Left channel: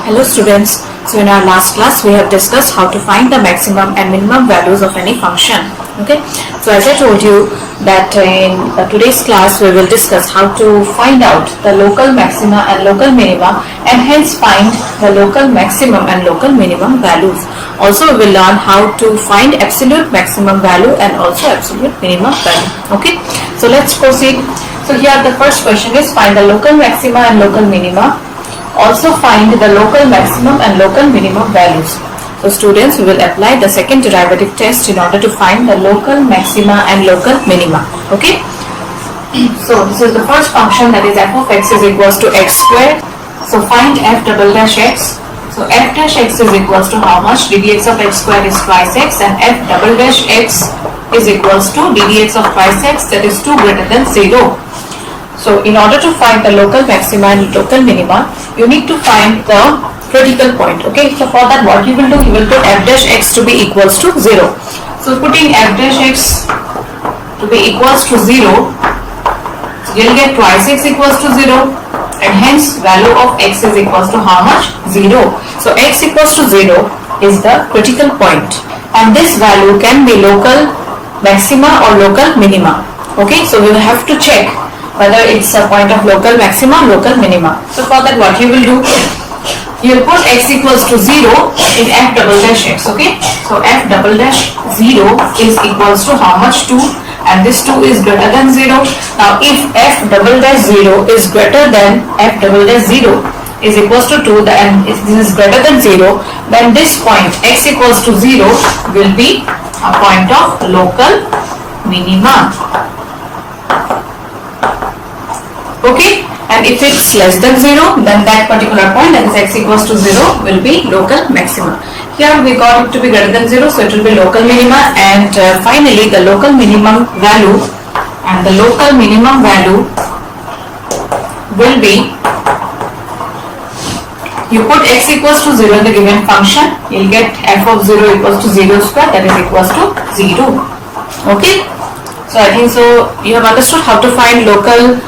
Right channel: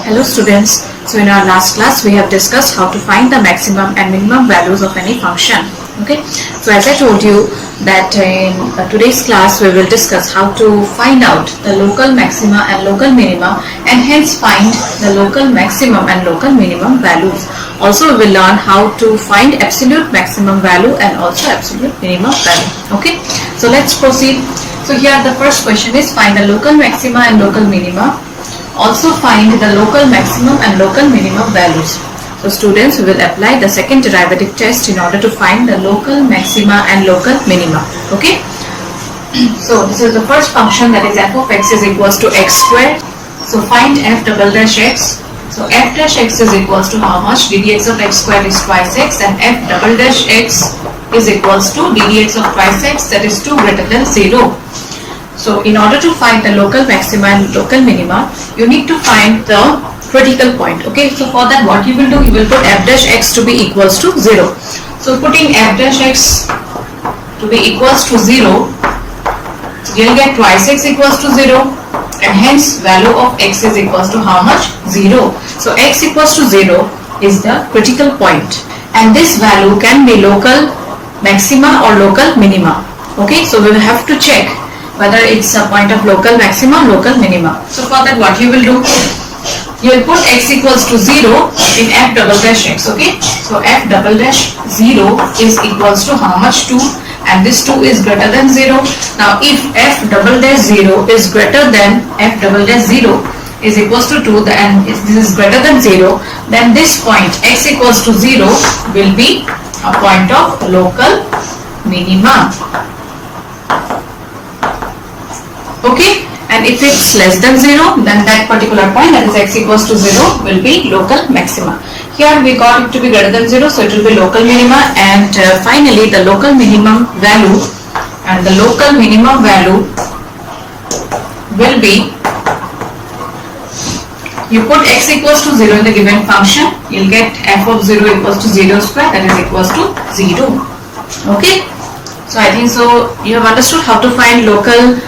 Hello students, so in our last class we have discussed how to find the maximum and minimum values of any function. Okay, so as I told you that in today's class we will discuss how to find out the local maxima and local minima and hence find the local maximum and local minimum values. Also we will learn how to find absolute maximum value and also absolute minimum value. Okay, so let's proceed. So here the first question is find the local maxima and local minima. Also find the local maximum and local minimum values. So students, we will apply the second derivative test in order to find the local maxima and local minima. Okay. So this is the first function, that is f of x is equals to x squared. So find f double dash x. So f dash x is equals to how much? Ddx of x squared is twice x, and f double dash x is equals to ddx of twice x, that is 2 greater than 0. So in order to find the local maxima and local minima, you need to find the critical point. Okay, so for that what you will do, you will put f dash x to be equals to 0. So putting f dash x to be equals to 0, you will get twice x equals to 0, and hence value of x is equals to how much? 0. So x equals to 0 is the critical point, and this value can be local maxima or local minima. Okay, so we will have to check whether it's a point of local maxima or local minima. So for that what you will do, you will put x equals to 0 in f double dash x. Okay, so f double dash 0 is equals to how much? 2, and this 2 is greater than 0. Now if f double dash 0 is greater than f double dash 0 is equals to 2, and if this is greater than 0, then this point x equals to 0 will be a point of local minima. Okay, and if it's less than 0, then that particular point, that is x equals to 0, will be local maxima. Here we got it to be greater than 0, so it will be local minima, and finally the local minimum value, and the local minimum value will be, you put x equals to 0 in the given function, you will get f of 0 equals to 0 square, that is equals to 0. Okay, so I think so you have understood how to find local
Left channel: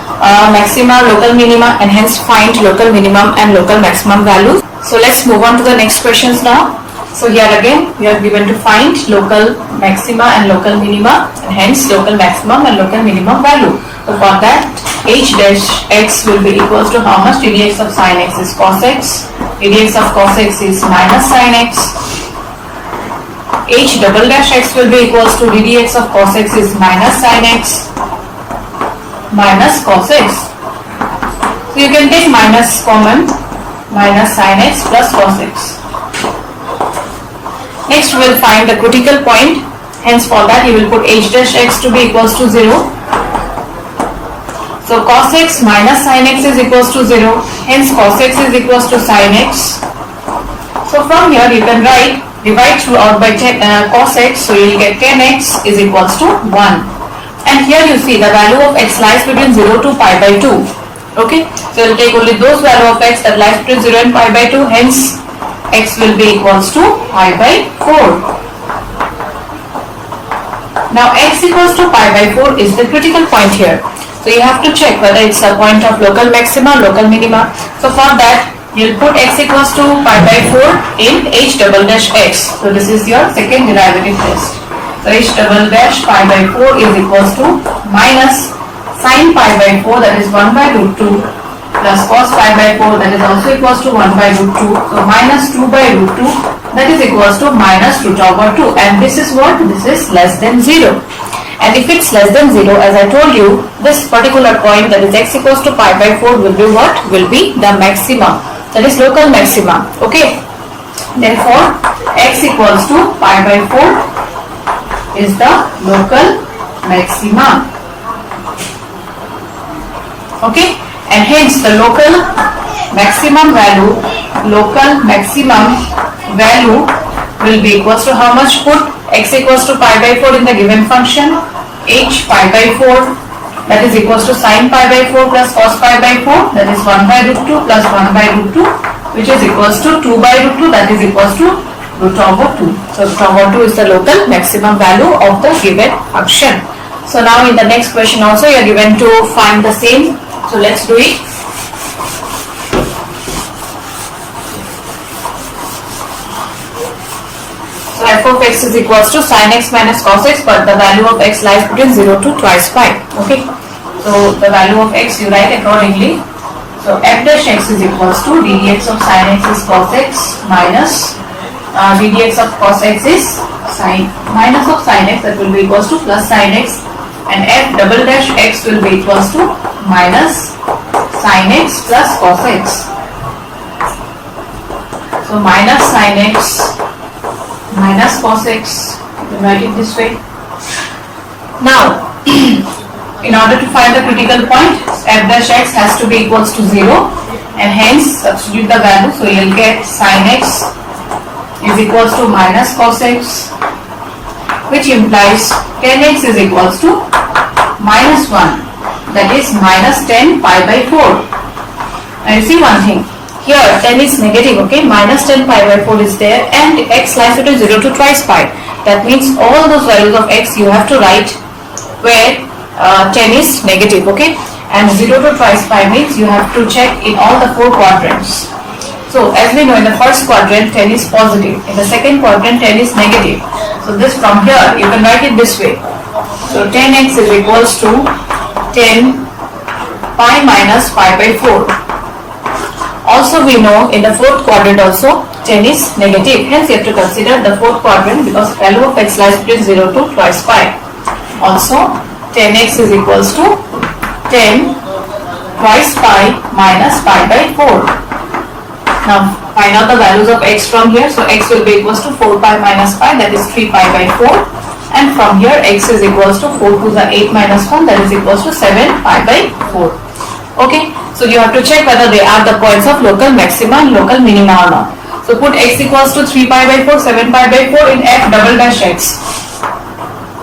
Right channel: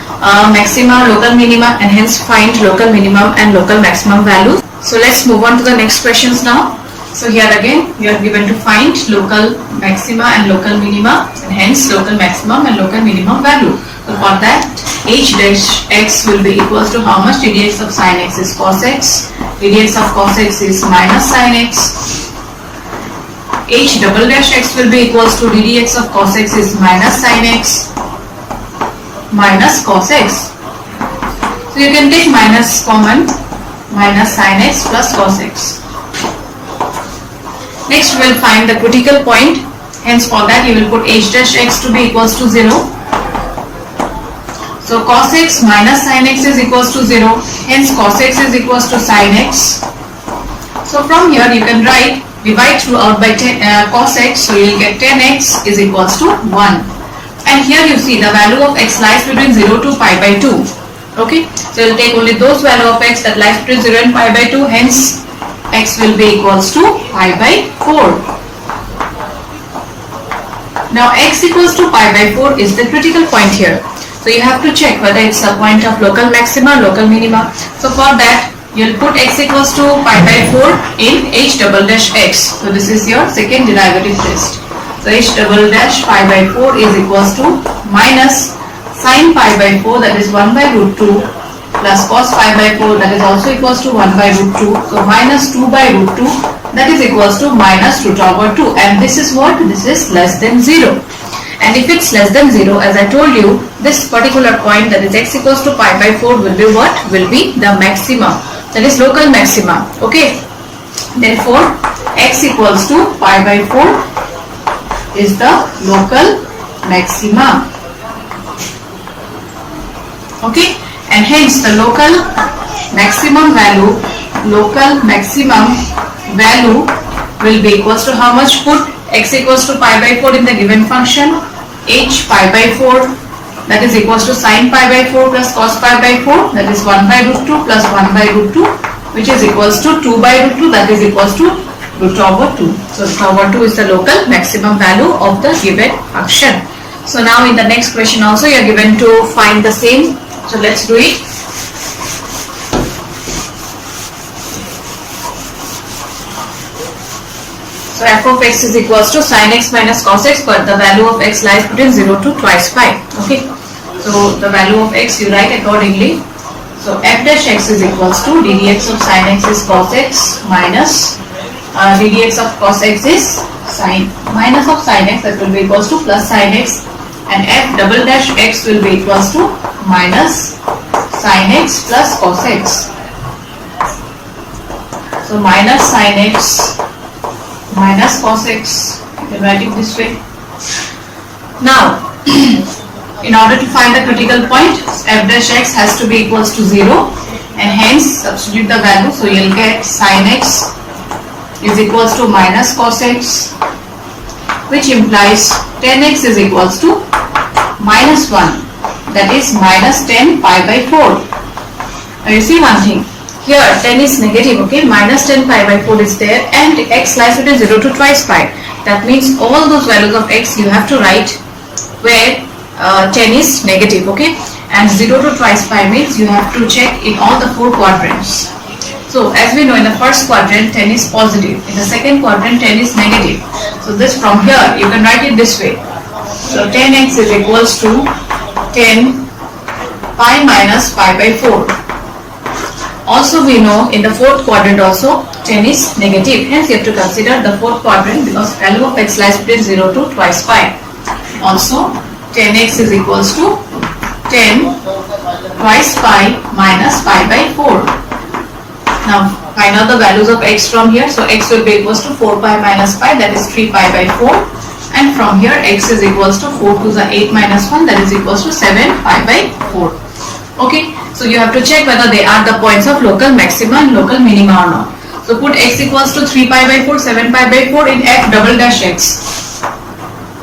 maxima, local minima, and hence find local minimum and local maximum values. So let's move on to the next questions now. So here again we are given to find local maxima and local minima, and hence local maximum and local minimum value. So for that, h dash x will be equals to how much? Ddx of sin x is cos x, ddx of cos x is minus sin x. H double dash x will be equals to ddx of cos x is minus sin x minus cos x. So you can take minus common, minus sin x plus cos x. Next we will find the critical point, hence for that you will put h dash x to be equals to 0. So cos x minus sin x is equals to 0, hence cos x is equals to sin x. So from here you can write, divide throughout by cos x, so you will get 10x is equals to 1. And here you see the value of x lies between 0 to pi by 2. Okay, so you will take only those value of x that lies between 0 and pi by 2, hence x will be equals to pi by 4. Now x equals to pi by 4 is the critical point here. So you have to check whether it's a point of local maxima, local minima. So for that you will put x equals to pi by 4 in h double dash x. So this is your second derivative test. So h double dash pi by 4 is equals to minus sin pi by 4, that is 1 by root 2, plus cos pi by 4, that is also equals to 1 by root 2. So minus 2 by root 2, that is equals to minus root over 2, and this is what? This is less than 0. And if it's less than 0, as I told you, this particular point, that is x equals to pi by 4, will be what? Will be the maximum, that is local maxima. Okay, therefore x equals to pi by 4 is the local maxima. Okay, and hence the local maximum value will be equals to how much? Put x equals to pi by 4 in the given function, h pi by 4, that is equals to sin pi by 4 plus cos pi by 4, that is 1 by root 2 plus 1 by root 2, which is equals to 2 by root 2, that is equals to root over 2. So root over 2 is the local maximum value of the given function. So now in the next question also you are given to find the same. So let's do it. So f of x is equals to sin x minus cos x, but the value of x lies between 0 to twice pi. Okay. So the value of x you write accordingly. So f dash x is equals to ddx of sin x is cos x minus ddx of cos x is sin minus of sin x, that will be equals to plus sin x, and f double dash x will be equals to minus sin x plus cos x. So minus sin x minus cos x, you can write it this way. Now in order to find the critical point, f dash x has to be equals to 0, and hence substitute the value. So you'll get sin x is equals to minus cos x, which implies tan x is equals to minus 1, that is minus 10 pi by 4. Now you see one thing, here tan is negative, okay, minus 10 pi by 4 is there, and x lies between 0 to twice pi. That means all those values of x you have to write where tan is negative, okay, and 0 to twice pi means you have to check in all the 4 quadrants. So as we know, in the first quadrant tan is positive, in the second quadrant tan is negative. So this from here you can write it this way. So tan x is equals to 10 pi minus pi by 4. Also we know in the fourth quadrant also tan is negative, hence you have to consider the fourth quadrant because value of x lies between 0 to twice pi. Also tan x is equals to 10 twice pi minus pi by 4. Now find out the values of x from here. So x will be equals to 4 pi minus pi, that is 3 pi by 4, and from here x is equals to 4 to the 8 minus 1, that is equals to 7 pi by 4. Okay, so you have to check whether they are the points of local maxima and local minima or not. So put x equals to 3 pi by 4, 7 pi by 4 in f double dash x.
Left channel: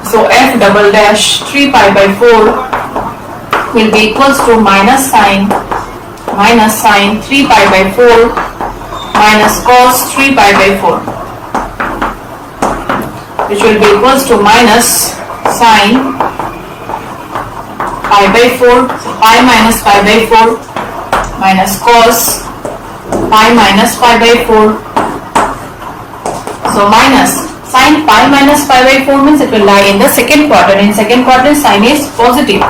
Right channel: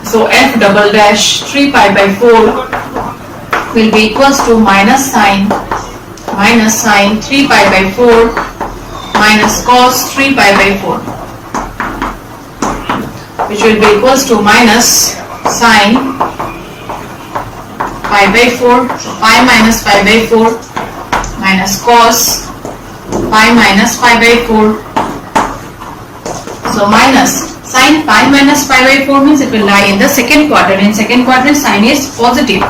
So f double dash 3 pi by 4 will be equals to minus sine 3 pi by 4 minus cos 3 pi by 4, which will be equals to minus sine pi by 4, so pi minus pi by 4 minus cos pi minus pi by 4. So minus sine pi minus pi by 4 means it will lie in the second quadrant. In second quadrant sine is positive,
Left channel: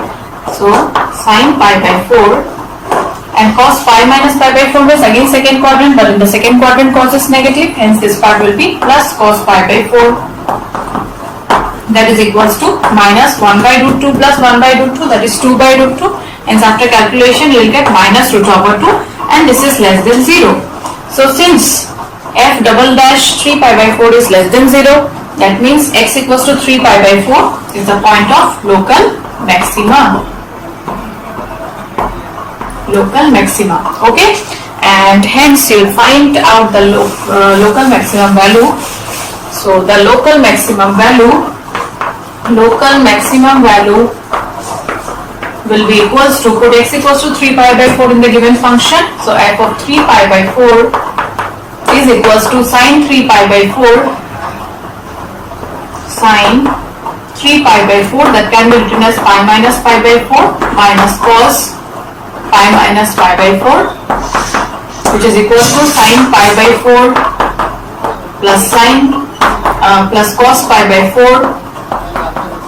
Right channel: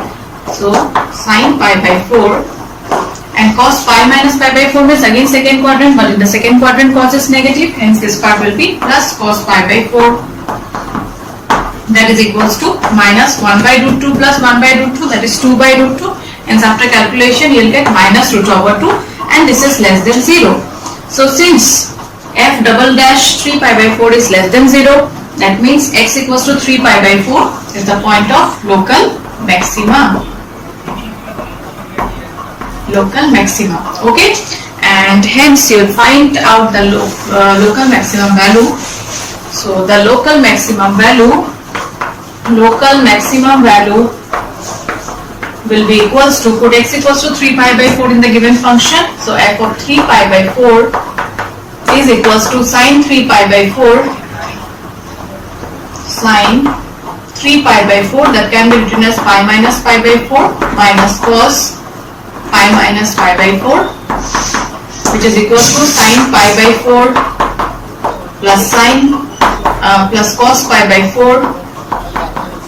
so sine pi by 4, and cos pi minus pi by 4 means again second quadrant, but in the second quadrant cos is negative, hence this part will be plus cos pi by 4. That is equals to minus 1 by root 2 plus 1 by root 2, that is 2 by root 2, and after calculation you will get minus root over 2, and this is less than 0. So since f double dash 3 pi by 4 is less than 0, that means x equals to 3 pi by 4 is the point of local maxima. Local maxima, okay, and hence you will find out the local maximum value. So the local maximum value will be equals to, put x equals to 3 pi by 4 in the given function. So f of 3 pi by 4 is equals to sine 3 pi by 4 sine 3 pi by 4, that can be written as pi minus pi by 4 minus cos pi minus pi by 4, which is equals to sine pi by 4 plus sine plus cos pi by 4,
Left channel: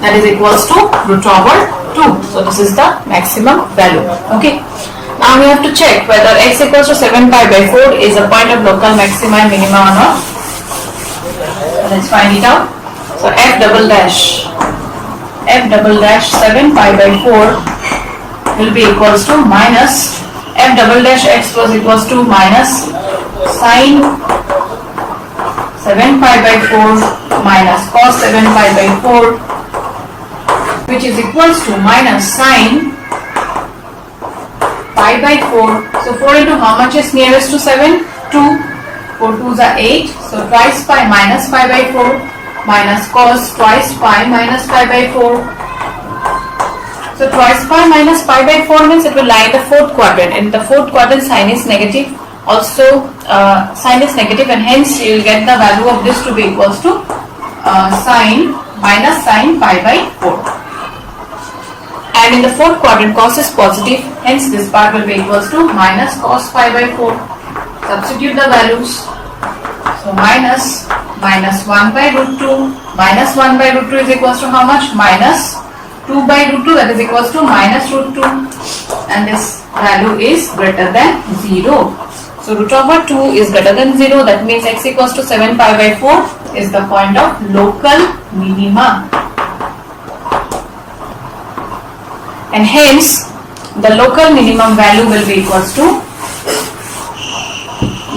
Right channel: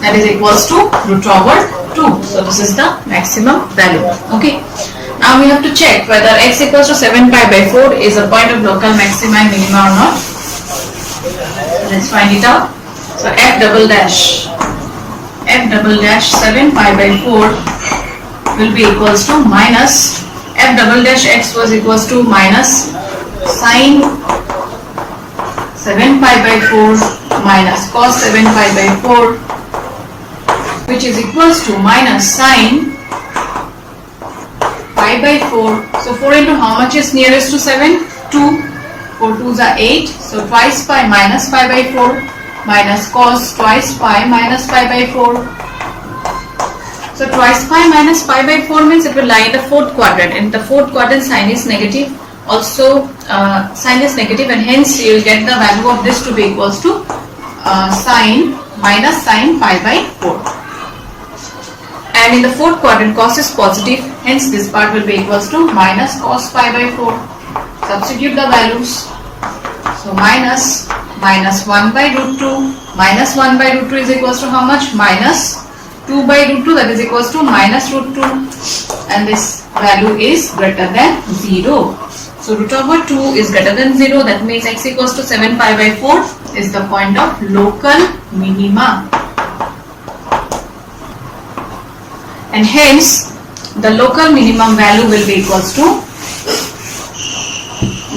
that is equals to root over 2. So this is the maximum value. Okay. Now we have to check whether x equals to 7 pi by 4 is a point of local maxima and minima or not. So let's find it out. So f double dash 7 pi by 4 will be equals to minus f double dash x was equals to minus sine 7 pi by 4 minus cos 7 pi by 4, which is equals to minus sine pi by 4. So 4 into how much is nearest to 7? 2. 4 2s are 8. So twice pi minus pi by 4 minus cos twice pi minus pi by 4. So twice pi minus pi by 4 means it will lie in the fourth quadrant. In the fourth quadrant sine is negative. Also sine is negative, and hence you will get the value of this to be equals to sine minus sine pi by 4. And in the fourth quadrant cos is positive, hence this part will be equals to minus cos pi by 4. Substitute the values. So minus minus 1 by root 2. Minus 1 by root 2 is equals to how much? Minus 2 by root 2, that is equals to minus root 2, and this value is greater than 0. So root over 2 is greater than 0, that means x equals to 7 pi by 4 is the point of local minima. And hence the local minimum value will be equals to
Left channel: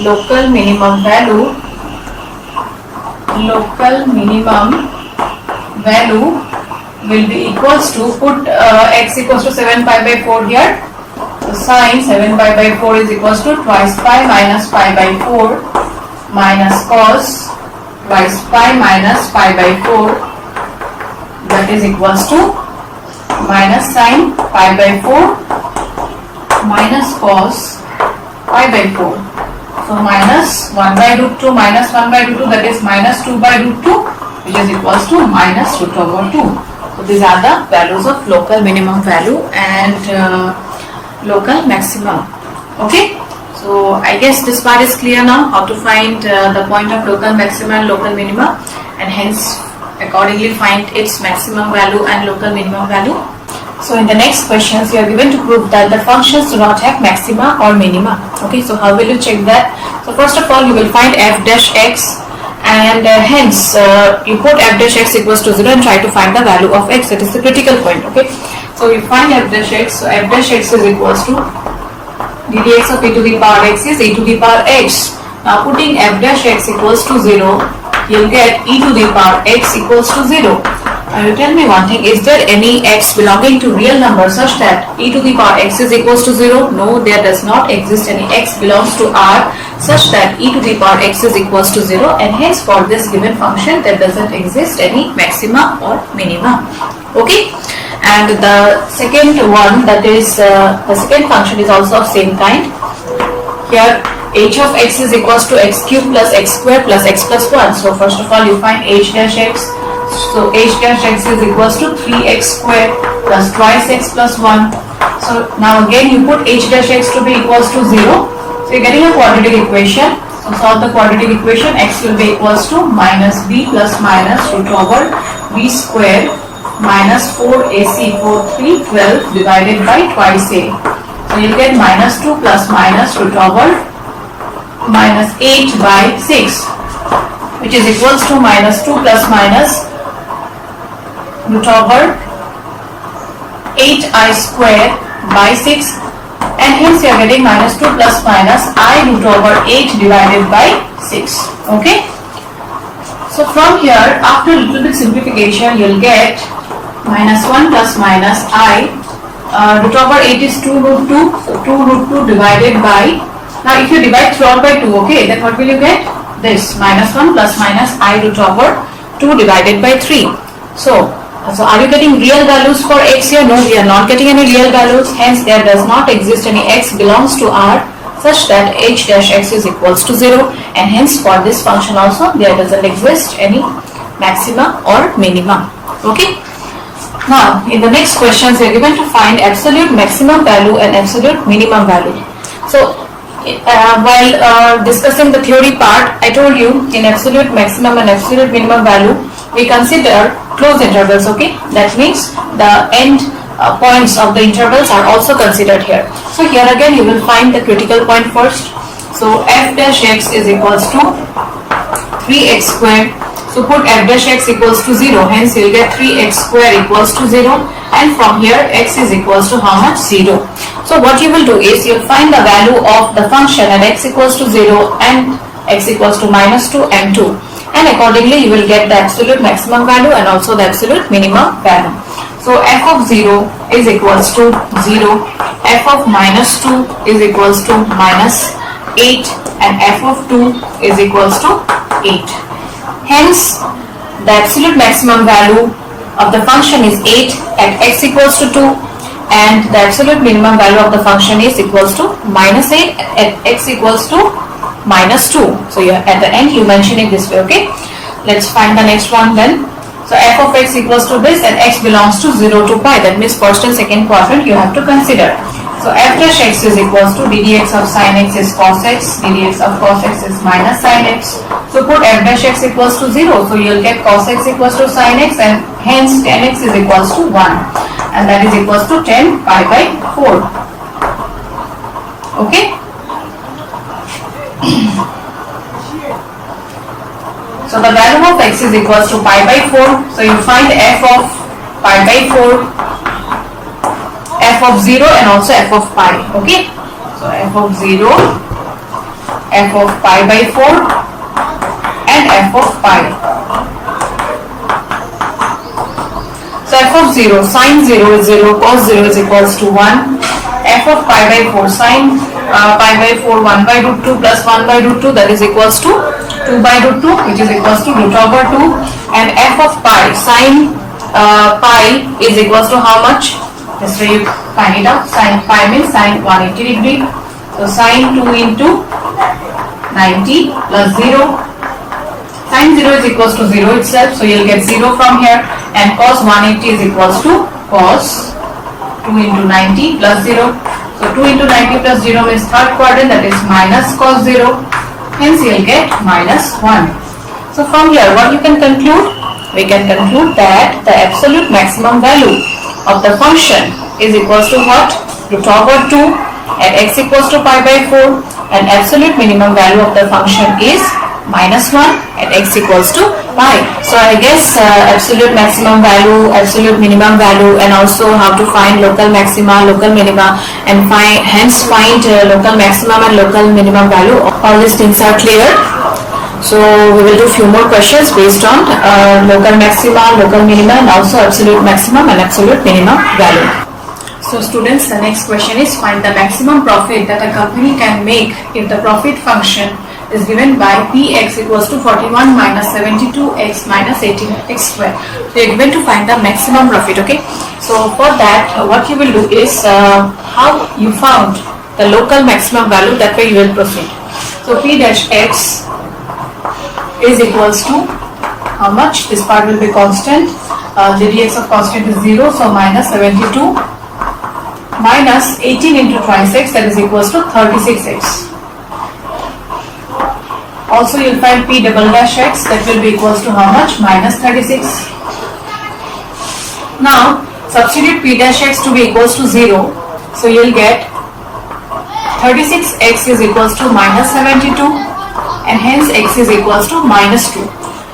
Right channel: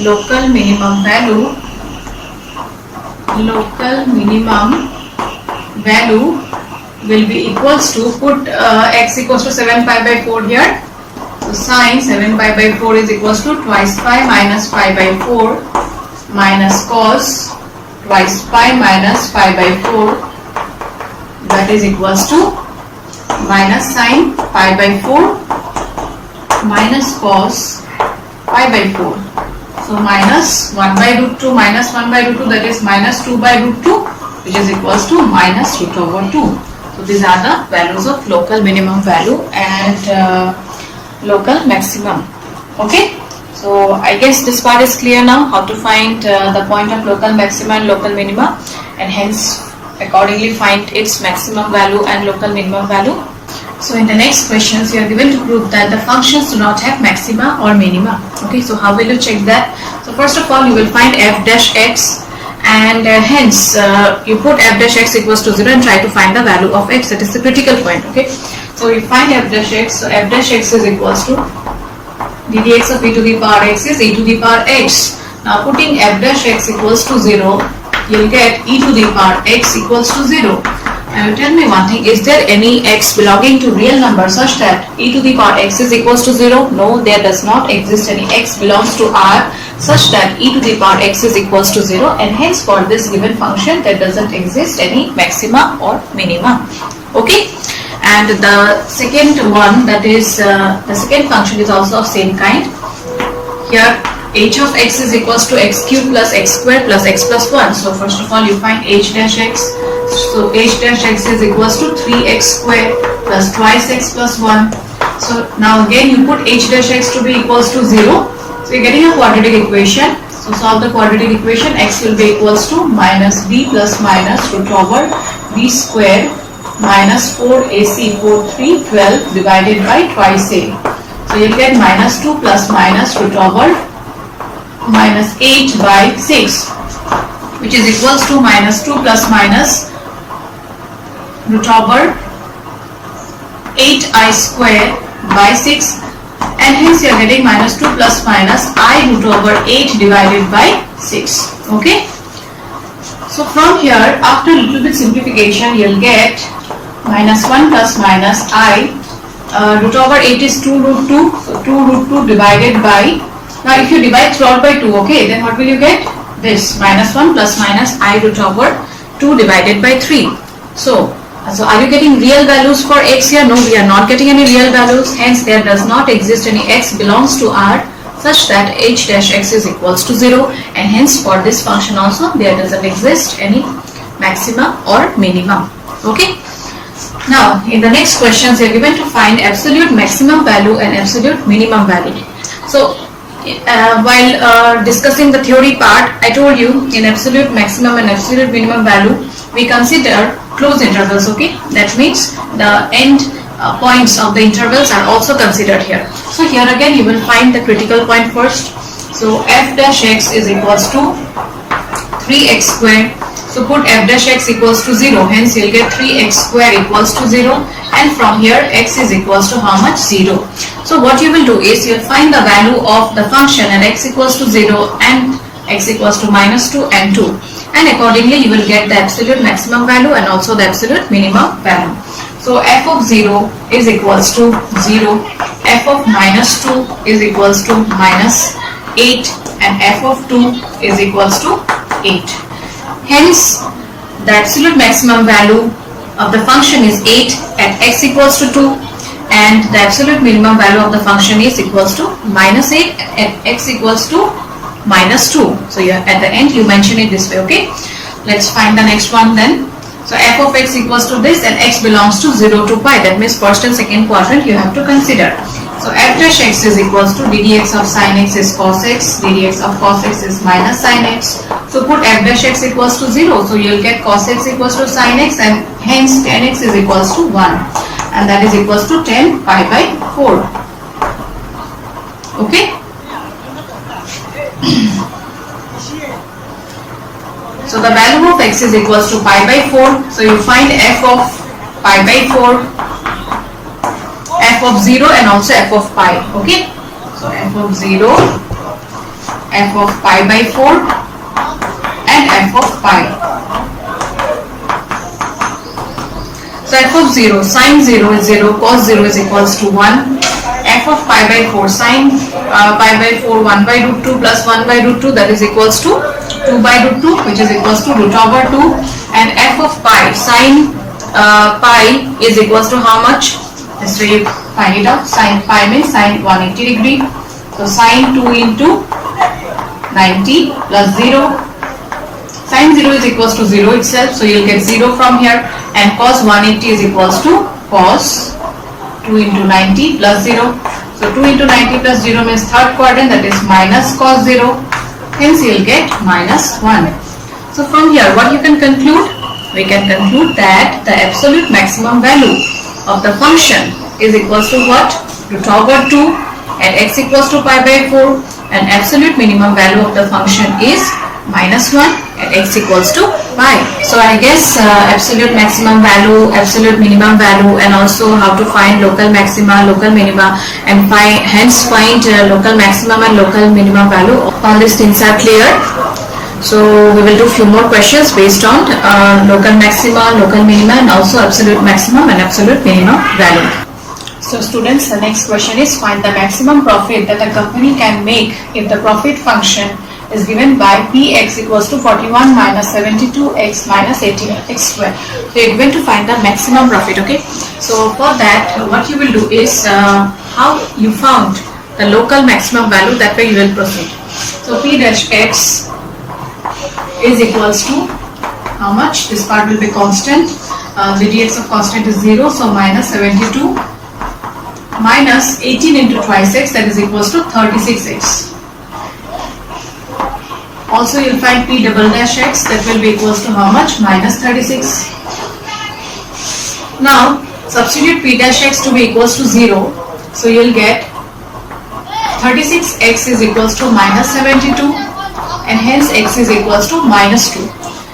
local minimum value will be equals to, put x equals to 7 pi by 4 here. So sin 7 pi by 4 is equals to twice pi minus pi by 4 minus cos twice pi minus pi by 4, that is equals to minus sin pi by 4 minus cos pi by 4. So minus 1 by root 2 minus 1 by root 2, that is minus 2 by root 2, which is equals to minus root over 2. So these are the values of local minimum value and local maximum. Okay, so I guess this part is clear now, how to find the point of local maxima and local minima, and hence accordingly find its maximum value and local minimum value. So in the next questions we are given to prove that the functions do not have maxima or minima. Okay, so how will you check that? So first of all you will find f dash x, and hence you put f dash x equals to 0 and try to find the value of x, that is the critical point. Okay, so you find f dash x, so f dash x is equals to ddx of e to the power x is e to the power x. Now putting f dash x equals to 0, you'll get e to the power x equals to 0. Now you tell me one thing, is there any x belonging to real number such that e to the power x is equals to 0? No, there does not exist any x belongs to R such that e to the power x is equals to 0, and hence for this given function there doesn't exist any maxima or minima. Okay, and the second one, that is the second function is also of same kind. Here h of x is equals to x cube plus x square plus x plus 1. So first of all you find h dash x. So h dash x is equals to 3x square plus twice x plus 1. So now again you put h dash x to be equals to 0. So you're getting a quadratic equation. So solve the quadratic equation. X will be equals to minus b plus minus root over b square minus 4ac 4 3 12 divided by twice a. So you'll get minus 2 plus minus root over minus 8 by 6, which is equals to minus 2 plus minus root over 8i square by 6, and hence you are getting minus 2 plus minus I root over 8 divided by 6. Okay, so from here after a little bit simplification you'll get minus 1 plus minus I root over 8 is 2 root 2, so 2 root 2 divided by, now if you divide throughout by 2, okay, then what will you get? This minus 1 plus minus I root over 2 divided by 3. So are you getting real values for x here? No, we are not getting any real values, hence there does not exist any x belongs to R such that h dash x is equals to 0, and hence for this function also there doesn't exist any maxima or minima. Okay, now in the next questions we are given to find absolute maximum value and absolute minimum value. So while discussing the theory part, I told you in absolute maximum and absolute minimum value we consider closed intervals. Okay, that means the end points of the intervals are also considered here. So here again you will find the critical point first. So f dash x is equals to 3x square. So put f dash x equals to 0, hence you will get 3x square equals to 0, and from here x is equals to how much? 0. So what you will do is you will find the value of the function at x equals to 0 and x equals to minus 2 and 2, and accordingly you will get the absolute maximum value and also the absolute minimum value. So f of 0 is equals to 0, f of minus 2 is equals to minus 8, and f of 2 is equals to 8. Hence the absolute maximum value of the function is 8 at x equals to 2, and the absolute minimum value of the function is equals to minus 8 at x equals to minus 2. So at the end you mention it this way. Okay, let's find the next one then. So f of x equals to this, and x belongs to 0 to pi, that means first and second quadrant you have to consider. So f dash x is equals to ddx of sin x is cos x, ddx of cos x is minus sin x. So put f dash x equals to 0. So you'll get cos x equals to sin x, and hence tan x is equals to 1. And that is equals to 10 pi by 4. Okay. So the value of x is equals to pi by 4. So you find f of pi by 4, f of 0 and also f of pi. Okay. So f of 0, f of pi by 4 and f of pi. So f of 0, sin 0 is 0, cos 0 is equals to 1. F of pi by 4, sin pi by 4, 1 by root 2 plus 1 by root 2, that is equals to 2 by root 2, which is equals to root over 2. And f of pi, sin pi is equals to how much? This way you find it out. Sin pi means sin 180 degree. So sin 2 into 90 plus 0. Sin 0 is equals to 0 itself. So you'll get 0 from here. And cos 180 is equals to cos 2 into 90 plus 0. So 2 into 90 plus 0 means third quadrant, that is minus cos 0. Hence you'll get minus 1. So from here what you can conclude? We can conclude that the absolute maximum value of the function is equals to what? Root over 2 at x equals to pi by 4, and absolute minimum value of the function is minus 1 at x equals to pi. So I guess absolute maximum value, absolute minimum value, and also how to find local maxima, local minima, and hence find local maximum and local minimum value. All these things are clear. So we will do few more questions based on local maxima, local minima, and also absolute maximum and absolute minimum value. So students, the next question is find the maximum profit that a company can make if the profit function is given by px equals to 41 minus 72x minus 18x square. So you're given to find the maximum profit. Okay. So for that, what you will do is how you found the local maximum value, that way you will proceed. So p dash x is equals to how much? This part will be constant. The dx of constant is 0, so minus 72 minus 18 into twice x, that is equals to 36x. Also you'll find p double dash x, that will be equals to how much? Minus 36. Now substitute p dash x to be equals to 0. So you'll get 36x is equals to minus 72, and hence x is equals to minus 2.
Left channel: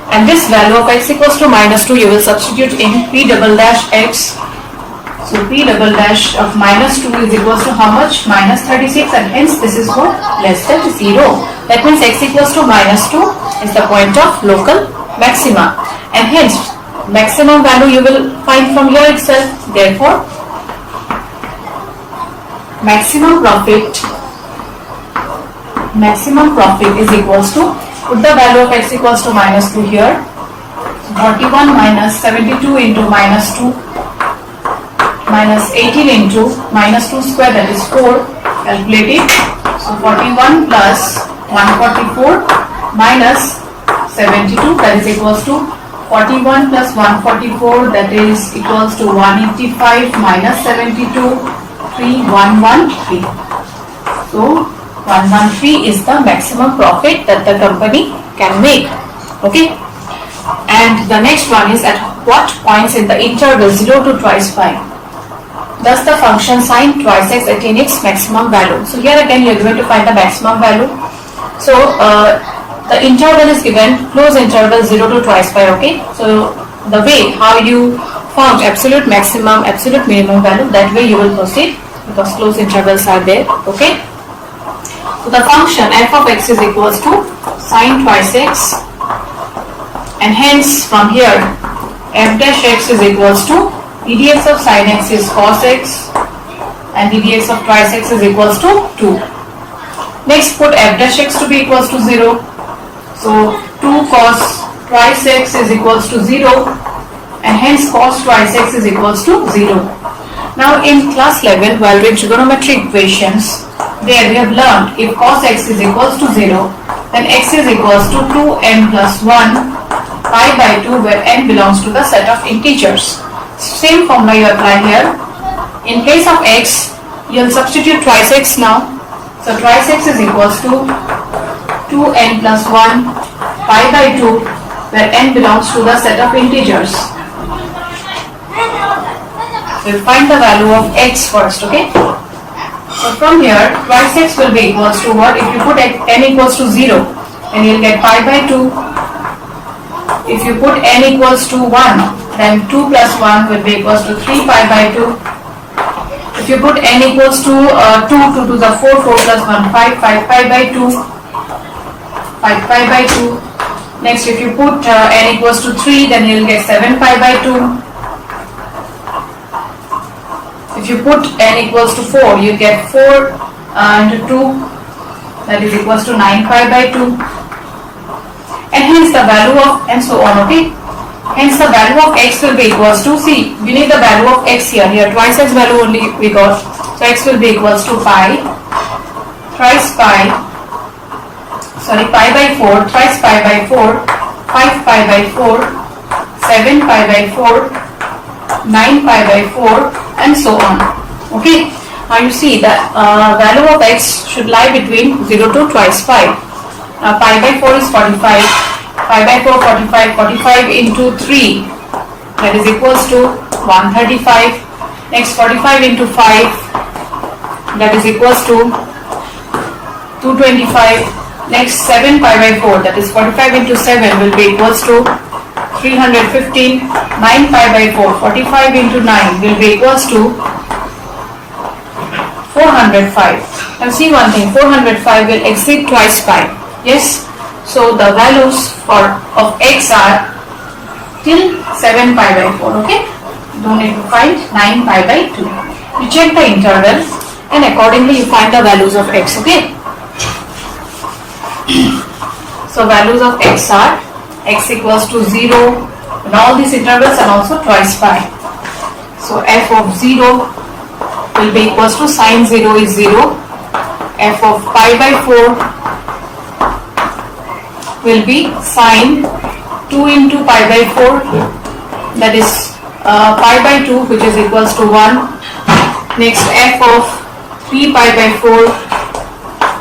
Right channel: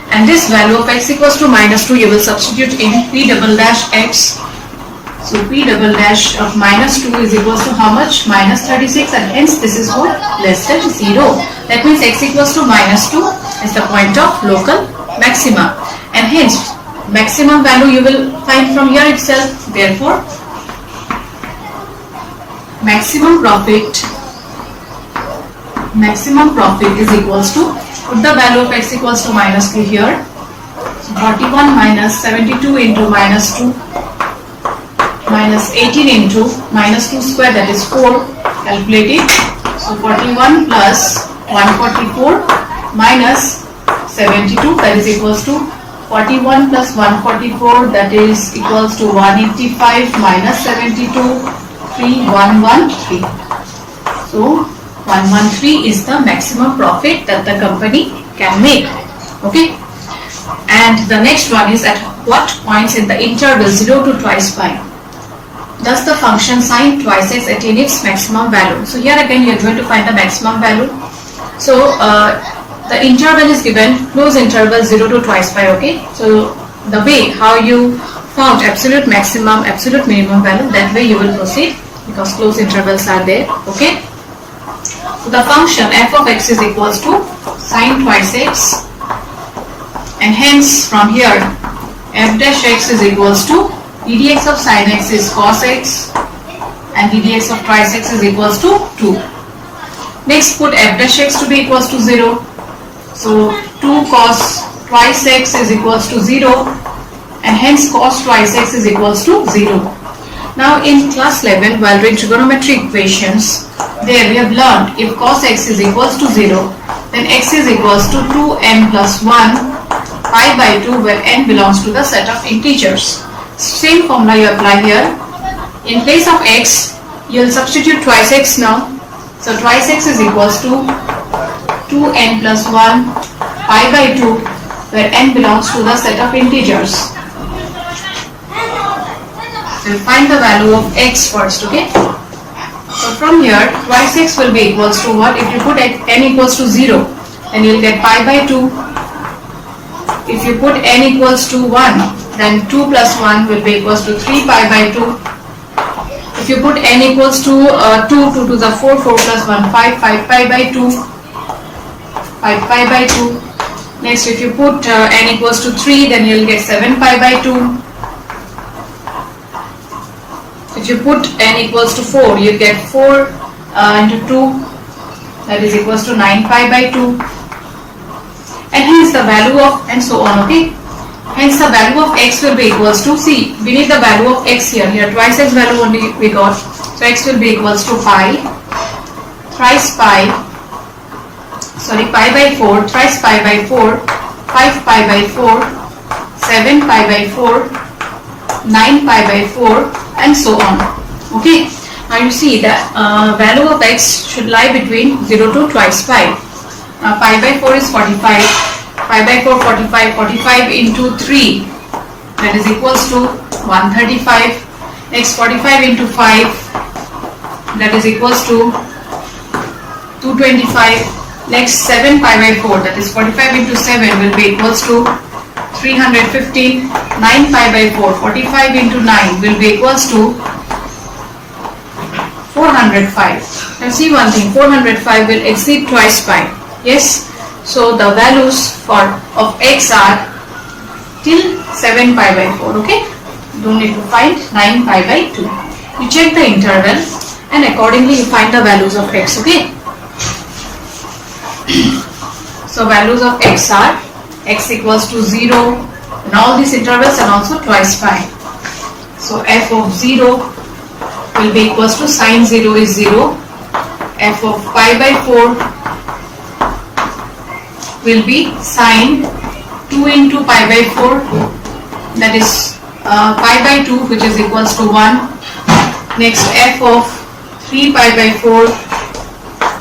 And this value of x equals to minus 2 you will substitute in p double dash x. So p double dash of minus 2 is equals to how much? Minus 36, and hence this is what? Less than 0. That means x equals to minus 2 is the point of local maxima, and hence maximum value you will find from here itself. Therefore maximum profit is equals to, put the value of x equals to minus 2 here. So 41 minus 72 into minus 2 minus 18 into minus 2 square, that is 4. Calculate it. So 41 plus 144 minus 72, that is equals to 41 plus 144, that is equals to 185 minus 72, 3113. So 113 is the maximum profit that the company can make. Okay. And the next one is at what points in the interval 0 to twice pi does the function sin twice x attain its maximum value? So here again you are going to find the maximum value. So the interval is given close interval 0 to twice pi. Okay. So the way how you found absolute maximum, absolute minimum value, that way you will proceed because close intervals are there. Okay. So the function f of x is equals to sin twice x, and hence from here f dash x is equals to ddx of sin x is cos x, and ddx of twice x is equals to 2. Next put f dash x to be equals to 0. So 2 cos twice x is equals to 0, and hence cos twice x is equals to 0. Now in class 11 while doing trigonometric equations, there we have learned if cos x is equals to 0, then x is equals to 2n plus 1 pi by 2, where n belongs to the set of integers. Same formula you apply here. In place of x, you will substitute twice x now. So twice x is equals to 2n plus 1 pi by 2, where n belongs to the set of integers. We will find the value of x first, okay? So from here, twice x will be equals to what? If you put n equals to 0, then you will get pi by 2. If you put n equals to 1, then 2 plus 1 will be equals to 3 pi by 2. If you put n equals to 2, 2 to the 4, 4 plus 1, 5, 5 pi by 2, 5 pi by 2. Next, if you put n equals to 3, then you will get 7 pi by 2. If you put n equals to 4, you get 4 into 2, that is equals to 9 pi by 2. And hence the value of, and so on, okay? Hence the value of x will be equals to, see, we need the value of x here. Here twice x value only we got. So x will be equals to pi, thrice pi, sorry, pi by 4, thrice pi by 4, 5 pi by 4, 7 pi by 4, 9 pi by 4, and so on. Okay. Now you see the value of x should lie between 0 to twice pi. Pi by 4 is 45. Pi by 4, 45. 45 into 3, that is equals to 135. Next, 45 into 5, that is equals to 225. Next, 7 pi by 4, that is 45 into 7 will be equals to 315. 9 pi by 4, 45 into 9 will be equals to 405. Now see one thing, 405 will exceed twice pi. Yes. So the values of x are till 7 pi by 4. Okay. Don't need to find 9 pi by 2. You check the interval and accordingly you find the values of x. Okay. So values of x are x equals to 0 in all these intervals and also twice pi. So f of 0 will be equals to sine 0 is 0. F of pi by 4 will be sine 2 into pi by 4, that is pi by 2, which is equals to 1. Next, f of 3 pi by 4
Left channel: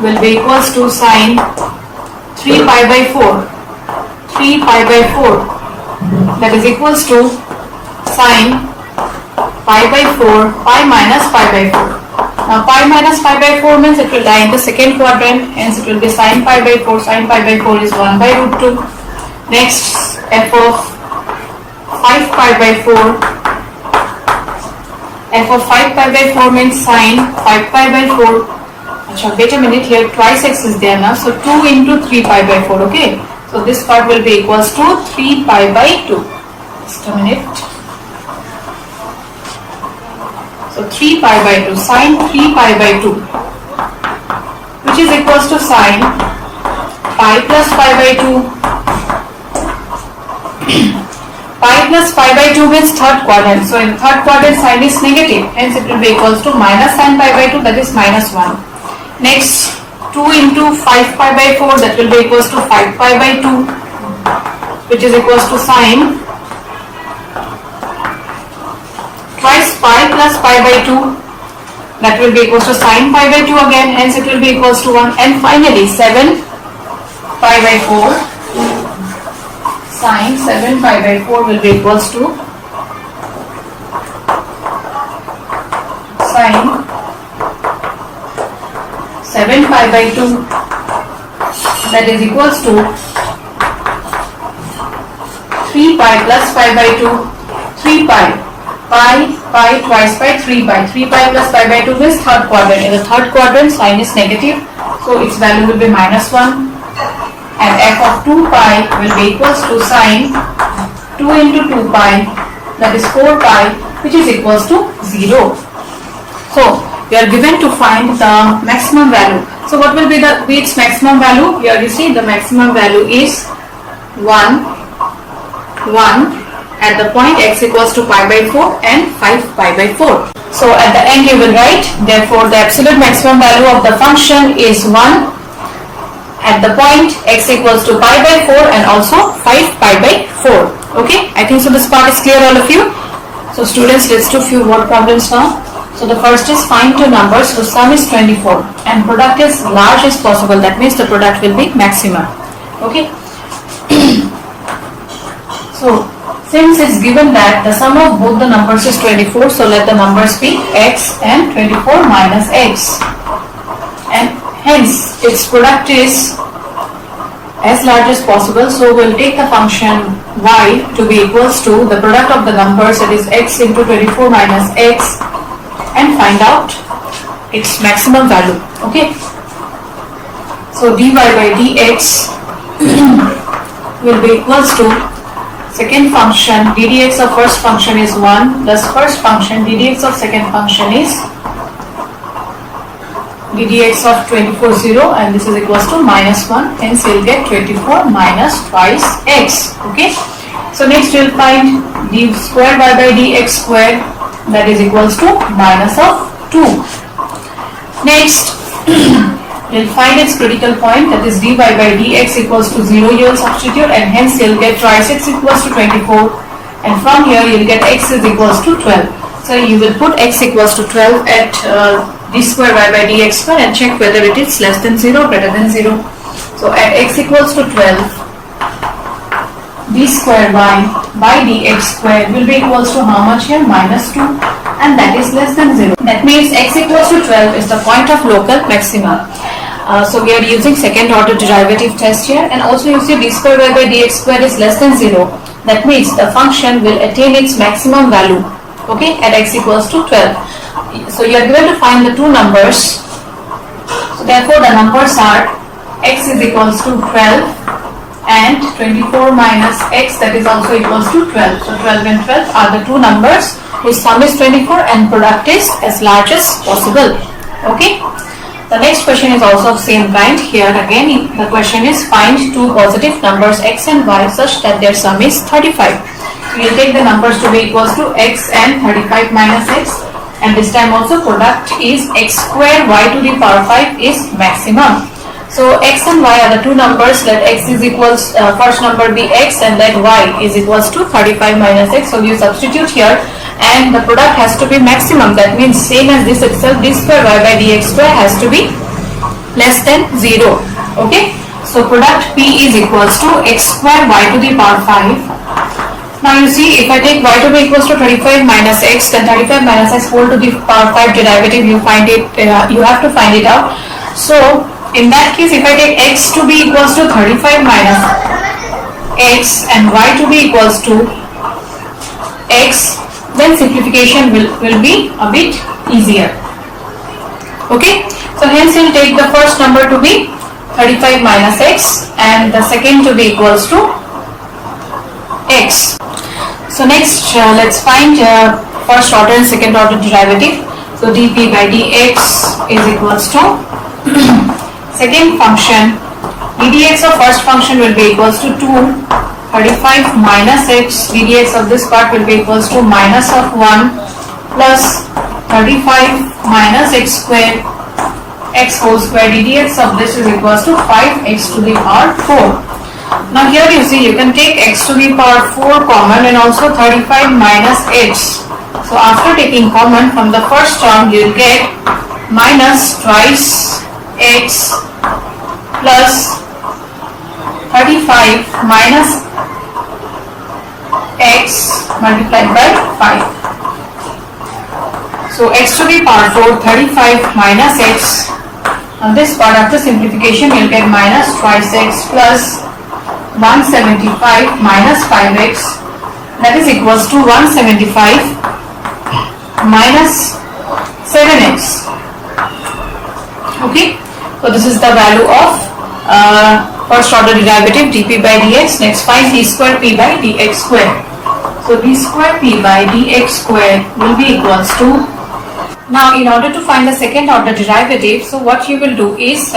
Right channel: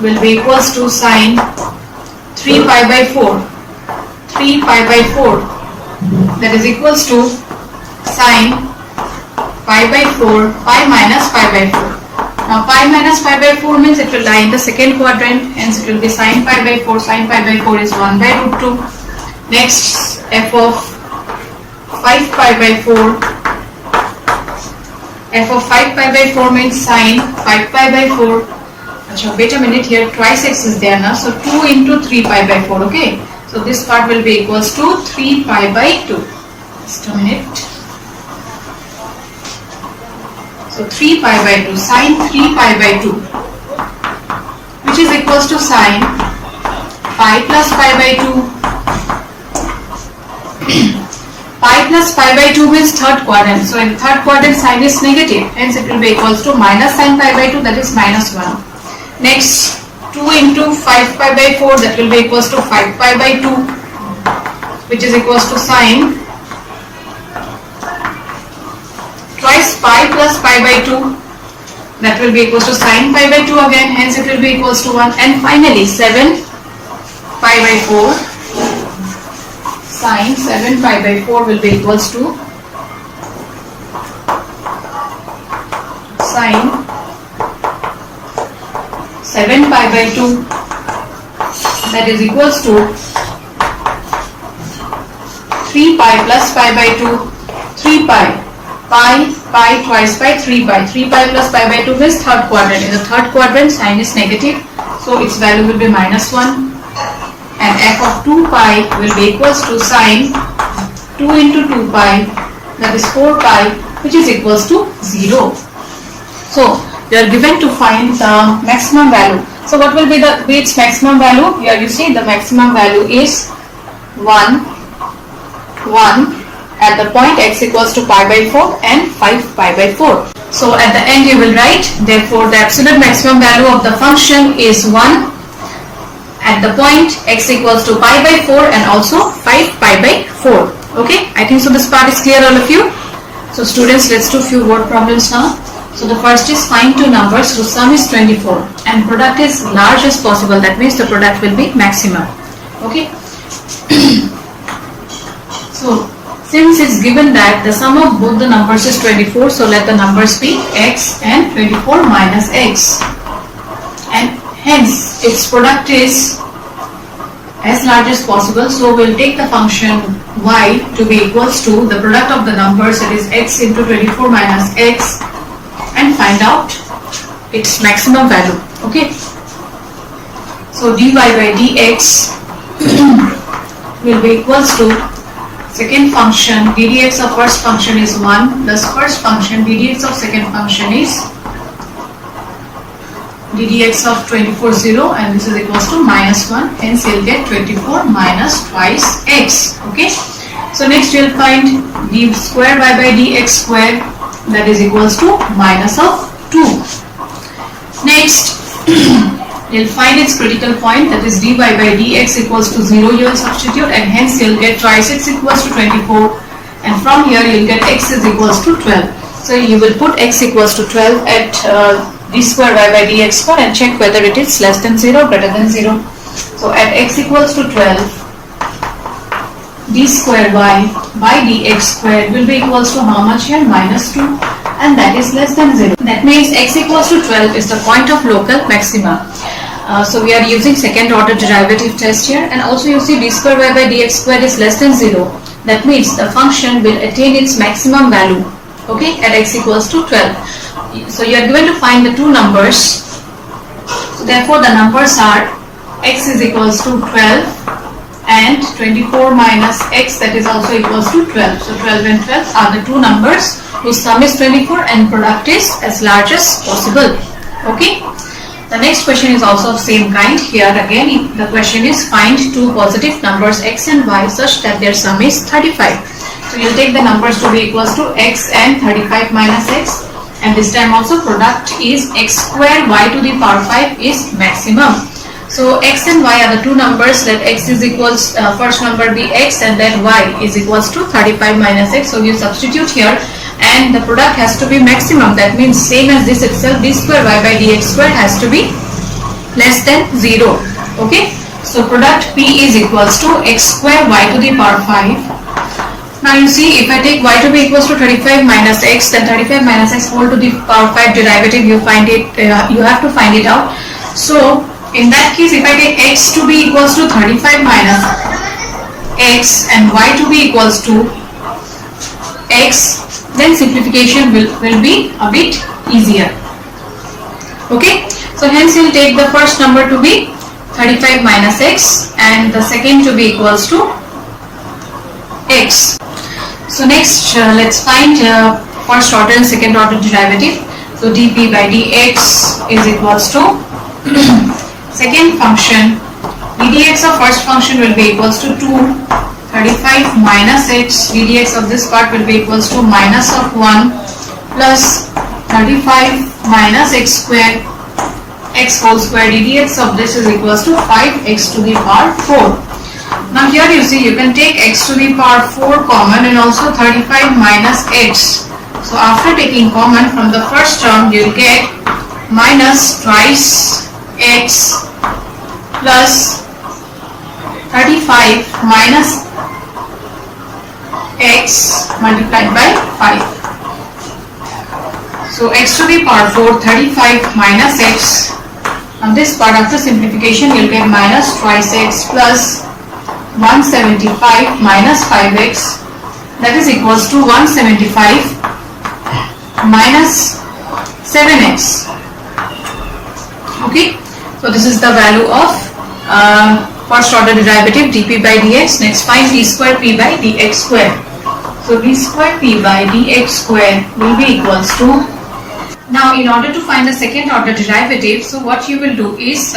will be equals to sine 3 pi by 4, 3 pi by 4, that is equals to sine pi by 4, pi minus pi by 4. Now pi minus pi by 4 means it will lie in the second quadrant, hence it will be sine pi by 4. Sine pi by 4 is 1 by root 2. Next, f of 5 pi by 4. F of 5 pi by 4 means sine 5 pi by 4. Achha, wait a minute, here twice x is there now, so 2 into 3 pi by 4, okay. So this part will be equals to 3 pi by 2. Just a minute. So 3 pi by 2, sine 3 pi by 2, which is equals to sine pi plus pi by 2. Pi plus pi by 2 means third quadrant. So in third quadrant sine is negative, hence it will be equals to minus sine pi by 2, that is minus 1. Next, 2 into 5 pi by 4, that will be equals to 5 pi by 2, which is equals to sine twice pi plus pi by 2, that will be equals to sine pi by 2 again, hence it will be equals to 1. And finally 7 pi by 4, sine 7 pi by 4 will be equals to sine 7 pi by 2, that is equals to 3 pi plus pi by 2, 3 pi, pi twice pi, 3 pi. 3 pi plus pi by 2 is third quadrant. In the third quadrant, sine is negative, so its value will be minus 1. And f of 2 pi will be equals to sine 2 into 2 pi, that is 4 pi, which is equals to 0. So you are given to find the maximum value. So what will be its maximum value? Here you see the maximum value is 1, 1 at the point x equals to pi by 4 and 5 pi by 4. So at the end you will write, therefore the absolute maximum value of the function is 1 at the point x equals to pi by 4 and also 5 pi by 4. Okay, I think so this part is clear all of you. So students, let's do few word problems now. So the first is find two numbers whose sum is 24 and product is large as possible. That means the product will be maximum. Okay. So since it's given that the sum of both the numbers is 24, so let the numbers be x and 24 minus x, and hence its product is as large as possible. So we'll take the function y to be equals to the product of the numbers, that is x into 24 minus x, and find out its maximum value. Okay, so dy by dx will be equals to second function ddx of first function is 1, thus first function ddx of second function is ddx of 24 0, and this is equals to minus 1, hence we'll get 24 minus twice x. Okay, so next we'll find d square y by dx square, that is equals to minus of 2. Next you'll find its critical point, that is dy by dx equals to 0, you will substitute, and hence you'll get twice x equals to 24, and from here you'll get x is equals to 12. So you will put x equals to 12 at d square y by dx square and check whether it is less than 0 or greater than 0. So at x equals to 12, d square y by dx square will be equals to how much here? Minus 2, and that is less than 0. That means x equals to 12 is the point of local maxima. So we are using second order derivative test here, and also you see d square y by dx square is less than 0. That means the function will attain its maximum value, okay, at x equals to 12. So you are given to find the two numbers. So therefore the numbers are x is equals to 12 and 24 minus x, that is also equals to 12. So 12 and 12 are the two numbers whose sum is 24 and product is as large as possible. Okay. The next question is also of same kind. Here again the question is find two positive numbers x and y such that their sum is 35. So you will take the numbers to be equals to x and 35 minus x, and this time also product is x square y to the power 5 is maximum. So x and y are the two numbers. Let x is equals first number be x and let y is equals to 35 minus x. So you substitute here and the product has to be maximum. That means same as this itself, d square y by dx square has to be less than 0. Okay. So product p is equals to x square y to the power 5. Now you see, if I take y to be equals to 35 minus x, then 35 minus x whole to the power 5 derivative, you find it. You have to find it out. So in that case, if I take x to be equals to 35 minus x and y to be equals to x, then simplification will be a bit easier. Okay. So hence we'll take the first number to be 35 minus x and the second to be equals to x. So next let's find first order and second order derivative. So dp by dx is equals to second function ddx of first function will be equals to 2, 35 minus x, ddx of this part will be equals to minus of 1 plus 35 minus x square, x whole square, ddx of this is equals to 5x to the power 4. Now here you see you can take x to the power 4 common and also 35 minus x. So after taking common from the first term you will get minus twice x plus 35 minus x multiplied by 5. So x to the power 4, 35 minus x. On this part after simplification you will get minus twice x plus 175 minus 5x, that is equals to 175 minus 7x. Okay. So this is the value of first order derivative dp by dx. Next find d square p by dx square. So d square p by dx square will be equals to, now in order to find the second order derivative, so what you will do is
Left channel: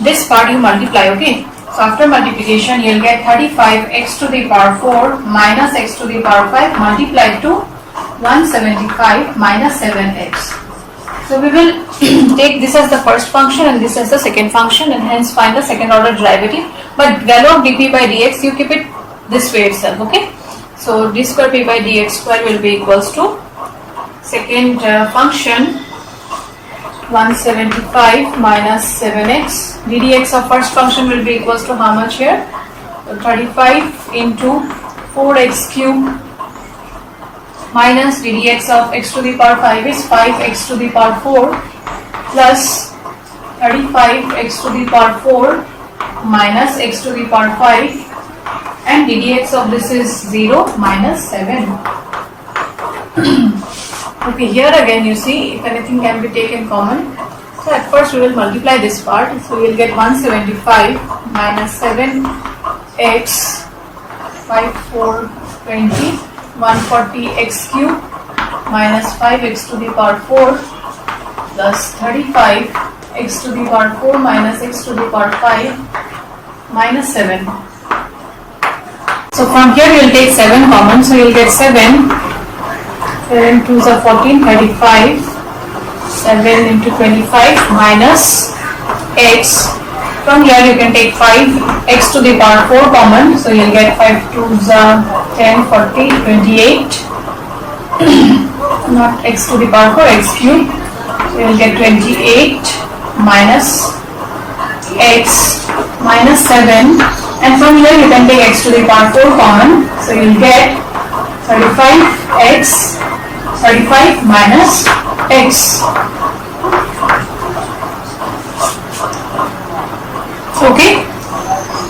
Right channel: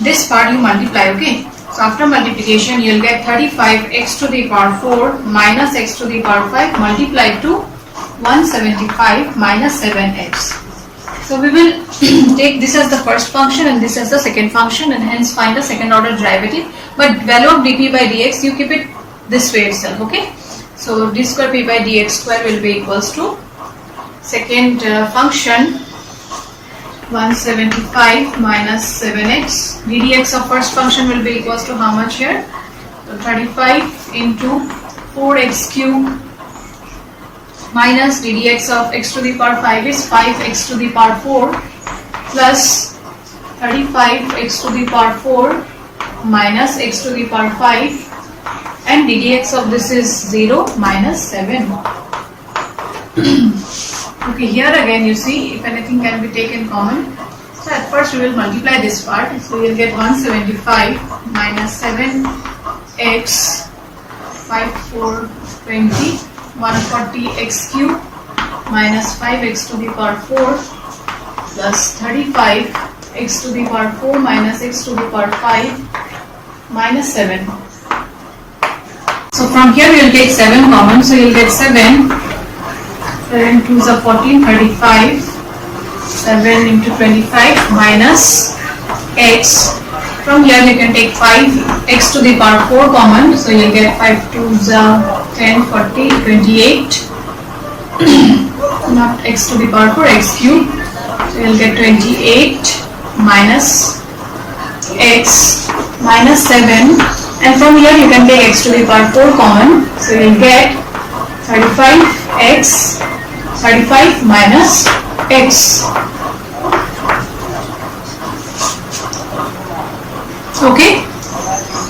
this part you multiply. Okay. So after multiplication you will get 35x to the power 4 minus x to the power 5 multiplied to 175 minus 7x. So we will take this as the first function and this as the second function and hence find the second order derivative. But value of dp by dx you keep it this way itself. Okay. So d square p by dx square will be equals to second function 175 minus 7x. ddx of first function will be equals to how much here? So 35 into 4x cube minus ddx of x to the power 5 is 5x to the power 4 plus 35x to the power 4 minus x to the power 5, and ddx of this is 0 minus 7. Okay, here again you see if anything can be taken common. So at first we will multiply this part. So we will get 175 minus 7x 5 4 20 140x cube minus 5x to the power 4 plus 35x to the power 4 minus x to the power 5 minus 7. So from here we will take 7 common. So you will get 7 2s are 14, 35, 7 into 25 minus x. From here you can take 5 x to the power 4 common. So you will get 5 2s are 10, 40, 28, not x to the power 4, x cube. So you will get 28 minus x minus 7, and from here you can take x to the power 4 common. So you will get 35 minus x. Okay.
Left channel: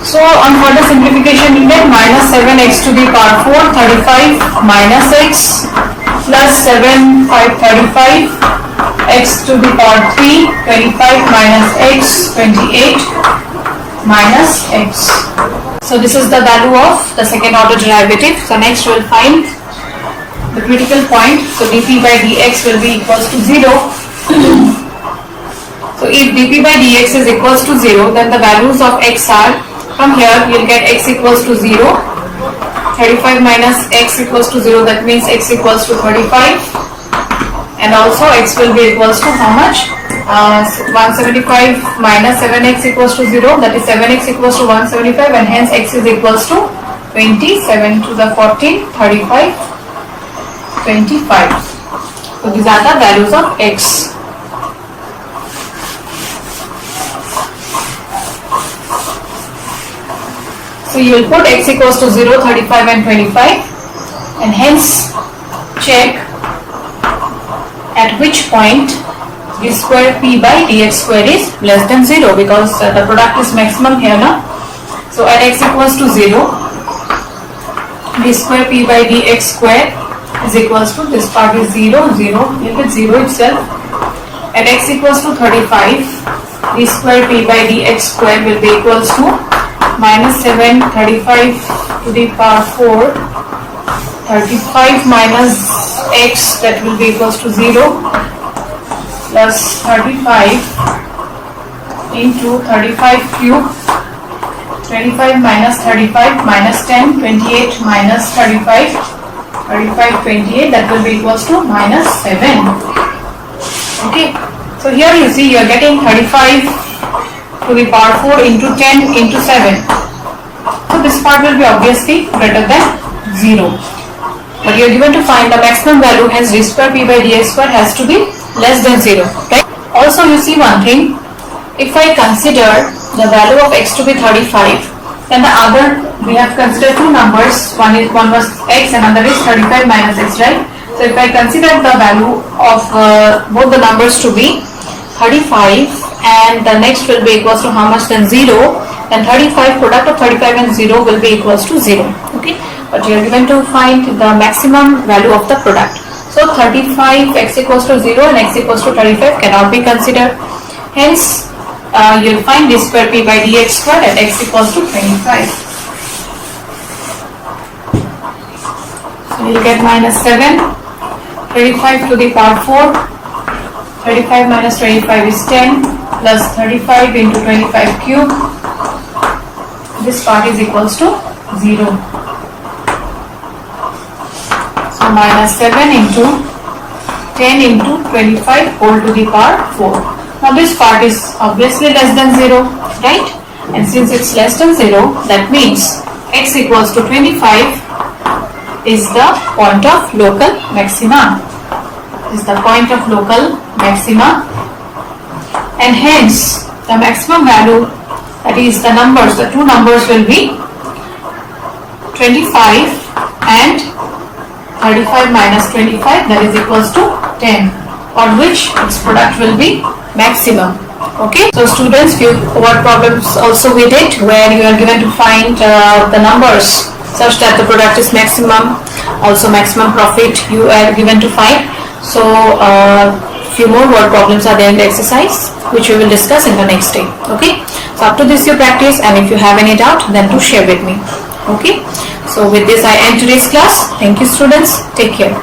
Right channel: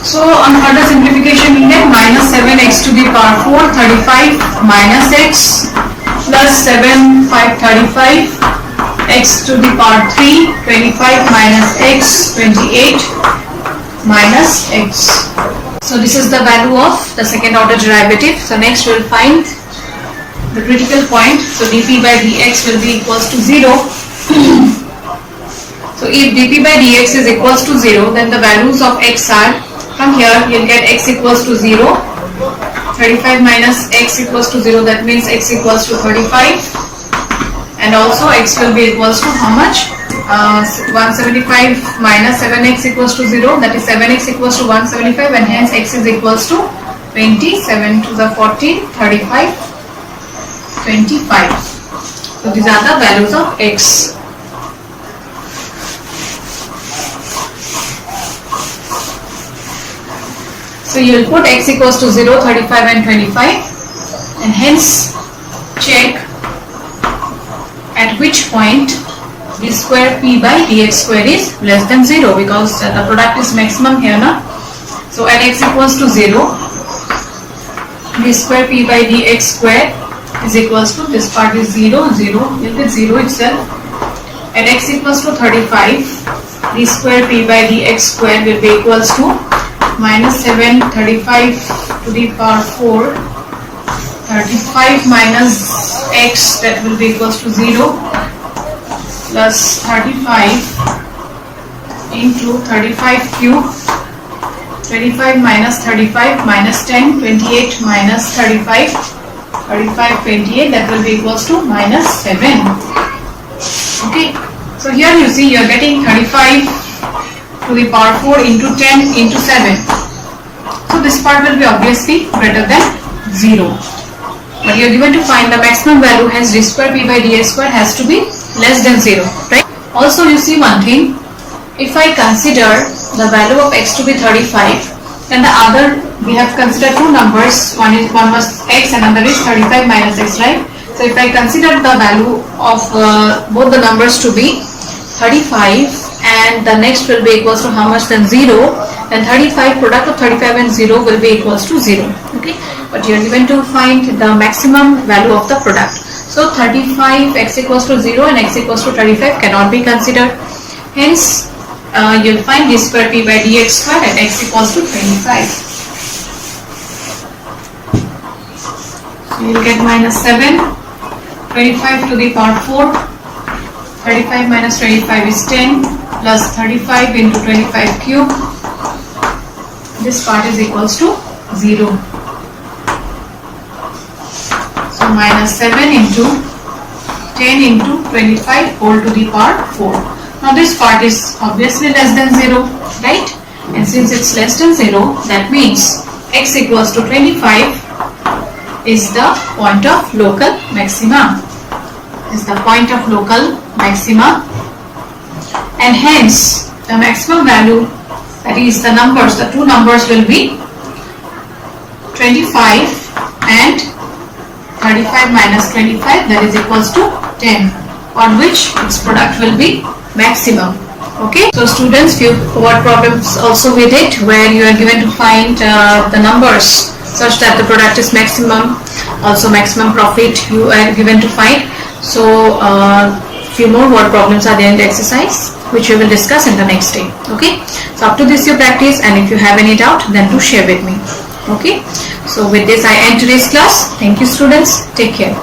So on further simplification we get minus 7x to the power 4, 35 minus x plus 7, 5, 35, x to the power 3, 25 minus x, 28 minus x. So this is the value of the second order derivative. So next we will find the critical point. So dp by dx will be equals to 0. So if dp by dx is equals to 0, then the values of x are, from here you will get x equals to 0, 35 minus x equals to 0, that means x equals to 35, and also x will be equals to how much? 175 minus 7x equals to 0, that is 7x equals to 175, and hence x is equals to 20, 7 to the 14, 35, 25. So these are the values of x. So you will put x equals to 0, 35 and 25, and hence check at which point d square p by dx square is less than 0, because the product is maximum here now. So at x equals to 0, d square p by dx square is equals to, this part is 0, 0, you get 0 itself. At x equals to 35, d square p by dx square will be equals to minus 7, 35 to the power 4, 35 minus x, that will be equals to 0, plus 35 into 35 cube, 25 minus 35 minus 10, 28 minus 35, 35, 28, that will be equals to minus 7. Okay, so here you see you are getting 35 to the power 4 into 10 into 7. So this part will be obviously greater than 0. But you are given to find the maximum value, hence d square p by dx square has to be less than 0. Right? Also you see one thing, if I consider the value of x to be 35, then the other, we have considered two numbers, one was x and another is 35 minus x, right? So if I consider the value of both the numbers to be 35 and the next will be equals to how much, then 0, then 35, product of 35 and 0 will be equals to 0. Okay, but you are given to find the maximum value of the product. So 35 x equals to 0 and x equals to 35 cannot be considered. Hence you will find d square p by dx square at x equals to 25. So you will get minus 7, 35 to the power 4, 35 minus 25 is 10, plus 35 into 25 cube, this part is equals to 0. So minus 7 into 10 into 25 whole to the power 4. Now this part is obviously less than 0, right? And since it's less than 0, that means x equals to 25 is the point of local maxima. Is the point of local maxima, and hence the maximum value, that is the numbers, the two numbers will be 25 and 35 minus 25, that is equals to 10, on which its product will be maximum. Okay, so students, few word problems also we did where you are given to find the numbers such that the product is maximum, also maximum profit you are given to find. So few more word problems are there in the exercise which we will discuss in the next day. Okay, so up to this you practice, and if you have any doubt then do share with me. Okay, so with this I end today's class. Thank you students, take care.